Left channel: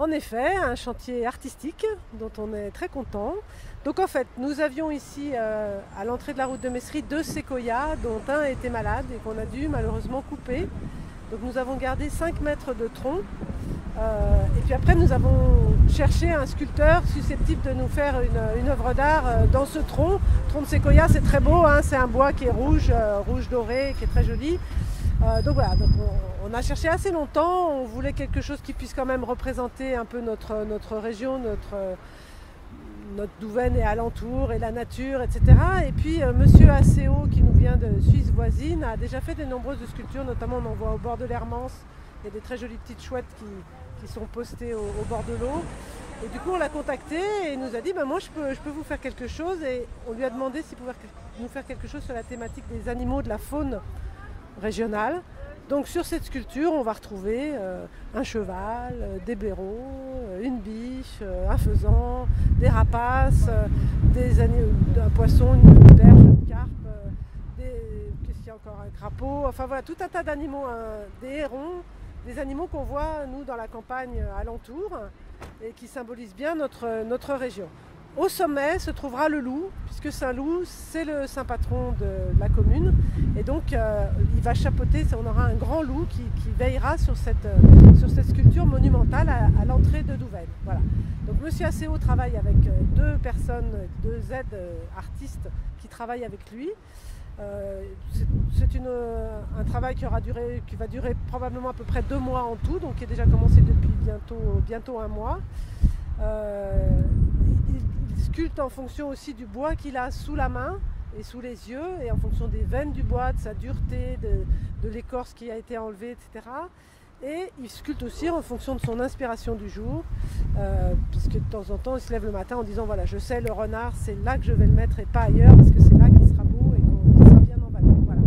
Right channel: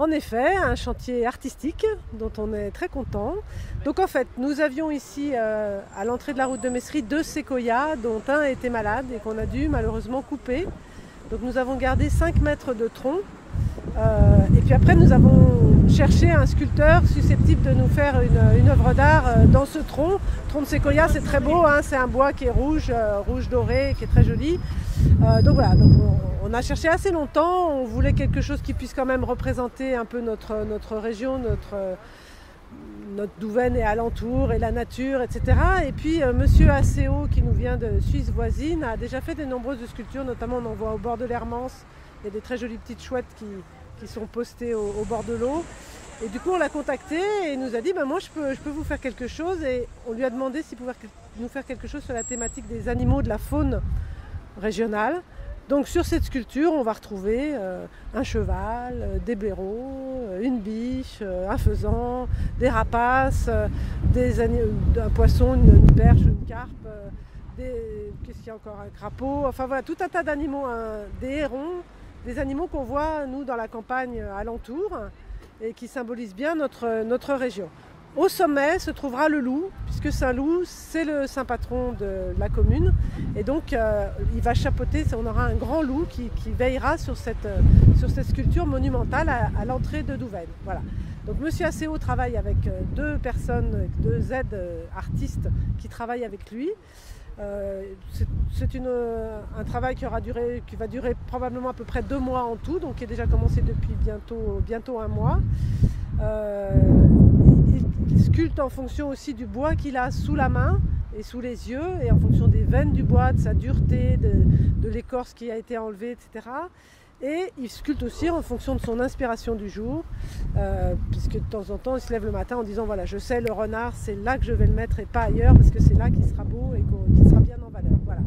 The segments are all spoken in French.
En effet, un chantier artistique dont on est très content. Donc en fait, nous avions ici à l'entrée de la route de Messery 2 séquoias dont un était malade et qu'on a dû malheureusement couper. Donc nous avons gardé 5 mètres de tronc. Et puis après nous avons cherché un sculpteur susceptible de nous faire une œuvre d'art dans ce tronc. Le tronc de séquoia, c'est très beau, hein, c'est un bois qui est rouge, rouge doré, qui est très joli. Donc voilà, donc on a cherché assez longtemps, on voulait quelque chose qui puisse quand même représenter un peu notre région, notre Douvaine et alentour et la nature, etc. Et puis monsieur Acéo, qui nous vient de Suisse voisine, a déjà fait de nombreuses sculptures, notamment on en voit au bord de l'Hermance. Il y a des très jolies petites chouettes qui sont postées au bord de l'eau. Et du coup on l'a contacté et il nous a dit moi je peux vous faire quelque chose, et on lui a demandé s'il pouvait nous faire quelque chose sur la thématique des animaux, de la faune régionale. Donc sur cette sculpture, on va retrouver un cheval, des blaireaux, une biche, un faisan, des rapaces, un poisson, une berge, une carpe, qu'est-ce qu'il y a encore, un crapaud, enfin voilà, tout un tas d'animaux, des hérons, des animaux qu'on voit nous dans la campagne alentour et qui symbolisent bien notre région. Au sommet se trouvera le loup, puisque Saint-Loup, c'est le saint patron de la commune. Et donc, il va chapeauter, on aura un grand loup qui veillera sur cette sculpture monumentale à l'entrée de Douvaine. Voilà. Donc, monsieur Acéo travaille avec deux personnes, deux aides artistes qui travaillent avec lui. C'est un travail qui va durer probablement à peu près 2 mois en tout, donc qui est déjà commencé depuis bientôt 1 mois. Il sculpte en fonction aussi du bois qu'il a sous la main et sous les yeux, et en fonction des veines du bois, de sa dureté, de l'écorce qui a été enlevée, etc. Et il sculpte aussi en fonction de son inspiration du jour, puisque de temps en temps il se lève le matin en disant voilà, je sais, le renard c'est là que je vais le mettre et pas ailleurs, parce que c'est là qu'il sera beau et qu'il sera bien en valeur. Voilà.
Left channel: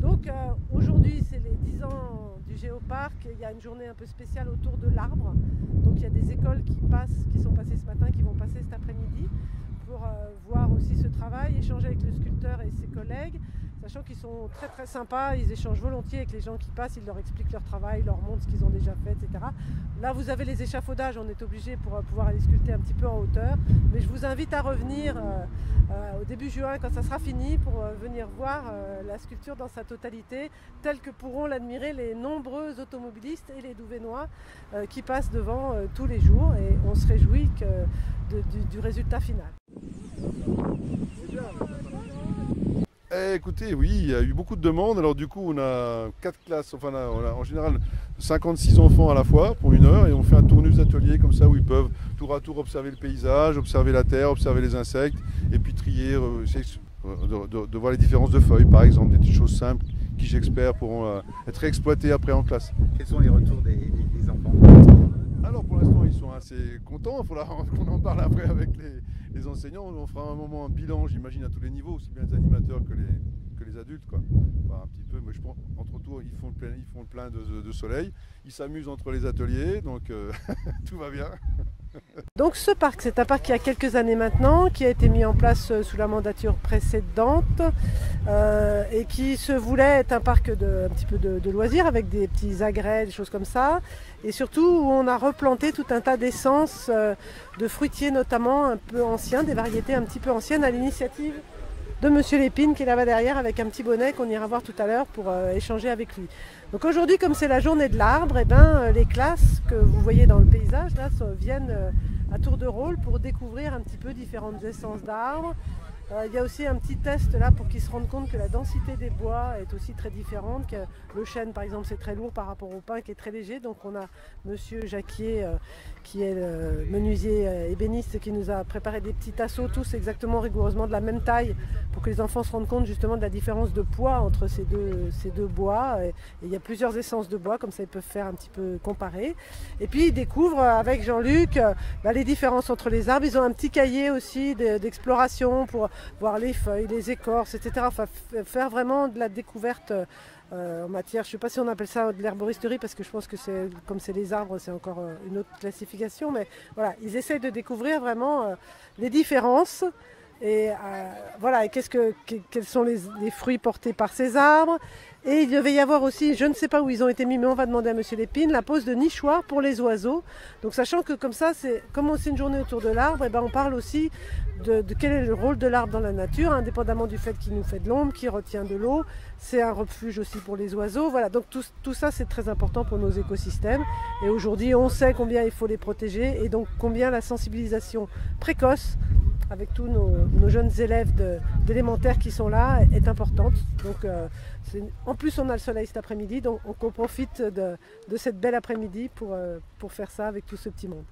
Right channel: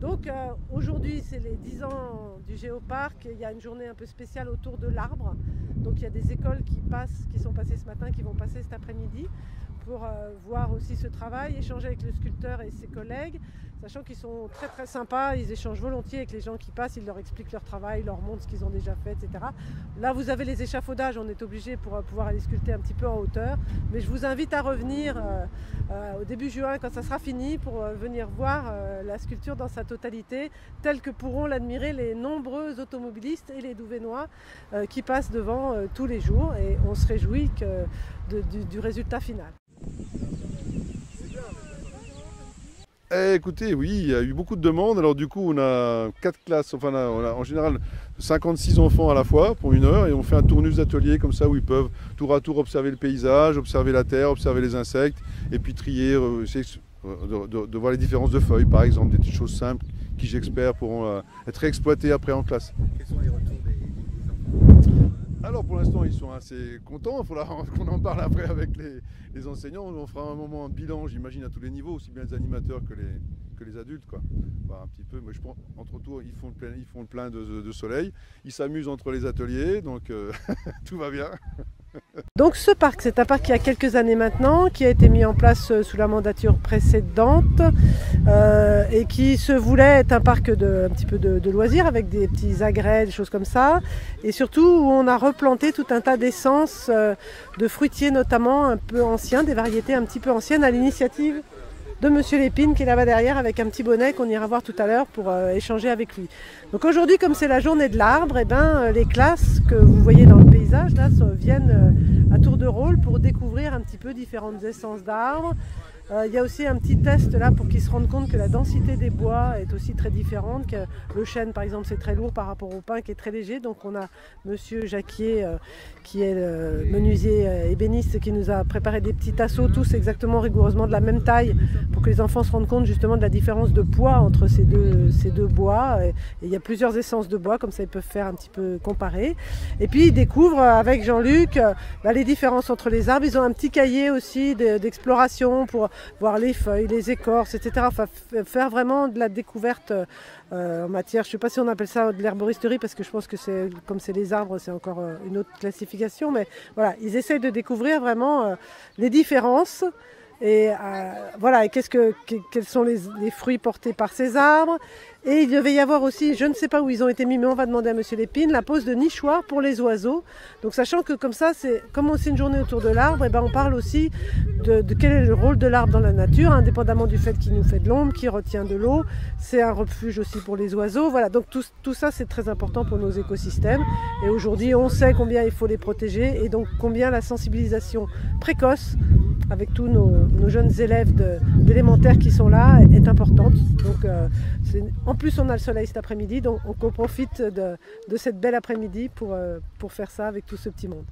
Donc aujourd'hui c'est les 10 ans du Géoparc, il y a une journée un peu spéciale autour de l'arbre. Donc il y a des écoles qui sont passées ce matin, qui vont passer cet après-midi pour voir aussi ce travail, échanger avec le sculpteur et ses collègues, sachant qu'ils sont très très sympas, ils échangent volontiers avec les gens qui passent, ils leur expliquent leur travail, leur montrent ce qu'ils ont déjà fait, etc. Là vous avez les échafaudages, on est obligé pour pouvoir aller sculpter un petit peu en hauteur, mais je vous invite à revenir au début juin quand ça sera fini pour venir voir la sculpture dans sa totalité, telle que pourront l'admirer les nombreux automobilistes et les Douvainois qui passent devant tous les jours, et on se réjouit du résultat final. Écoutez, oui, il y a eu beaucoup de demandes. Alors du coup, on a 4 classes, enfin on a en général 56 enfants à la fois pour 1 heure, et on fait un tournus d'atelier comme ça où ils peuvent tour à tour observer le paysage, observer la terre, observer les insectes, et puis trier, de voir les différences de feuilles par exemple, des petites choses simples qui, j'espère, pourront être exploitées après en classe. Quels sont les retours des enfants? Alors pour l'instant ils sont assez contents, il faudra qu'on en parle après avec les enseignants. On fera un moment, un bilan, j'imagine, à tous les niveaux, aussi bien les animateurs que les adultes, quoi. Enfin, un petit peu, mais je pense entre tours ils font le plein de soleil, ils s'amusent entre les ateliers, donc tout va bien. Donc ce parc, c'est un parc qui a quelques années maintenant, qui a été mis en place sous la mandature précédente et qui se voulait être un parc un petit peu de loisirs avec des petits agrès, des choses comme ça, et surtout où on a replanté tout un tas d'essences de fruitiers notamment un peu anciens, des variétés un petit peu anciennes à l'initiative de Monsieur Lépine qui est là-bas derrière avec un petit bonnet qu'on ira voir tout à l'heure pour échanger avec lui. Donc aujourd'hui, comme c'est la journée de l'arbre, les classes que vous voyez dans le paysage là viennent à tour de rôle pour découvrir un petit peu différentes essences d'arbres. Il y a aussi un petit test là pour qu'ils se rendent compte que la densité des bois est aussi très différente, que le chêne par exemple c'est très lourd par rapport au pin qui est très léger. Donc on a monsieur Jacquier qui est le menuisier ébéniste qui nous a préparé des petits tasseaux tous exactement rigoureusement de la même taille pour que les enfants se rendent compte justement de la différence de poids entre ces deux bois. Et il y a plusieurs essences de bois, comme ça ils peuvent faire un petit peu comparer. Et puis ils découvrent avec Jean-Luc les différences entre les arbres. Ils ont un petit cahier aussi d'exploration pour voir les feuilles, les écorces, etc. Enfin, faire vraiment de la découverte en matière, je ne sais pas si on appelle ça de l'herboristerie, parce que je pense que comme c'est les arbres, c'est encore une autre classification, mais voilà, ils essayent de découvrir vraiment les différences Et voilà, et quels sont les fruits portés par ces arbres. Et il devait y avoir aussi, je ne sais pas où ils ont été mis, mais on va demander à Monsieur Lépine, la pose de nichoirs pour les oiseaux. Donc sachant que comme ça, comme c'est une journée autour de l'arbre, et ben on parle aussi de quel est le rôle de l'arbre dans la nature, indépendamment du fait qu'il nous fait de l'ombre, qu'il retient de l'eau. C'est un refuge aussi pour les oiseaux. Voilà, donc tout ça c'est très important pour nos écosystèmes. Et aujourd'hui, on sait combien il faut les protéger et donc combien la sensibilisation précoce avec tous nos jeunes élèves d'élémentaire qui sont là est importante. Donc, en plus, on a le soleil cet après-midi, donc on profite de cette belle après-midi pour faire ça avec tout ce petit monde.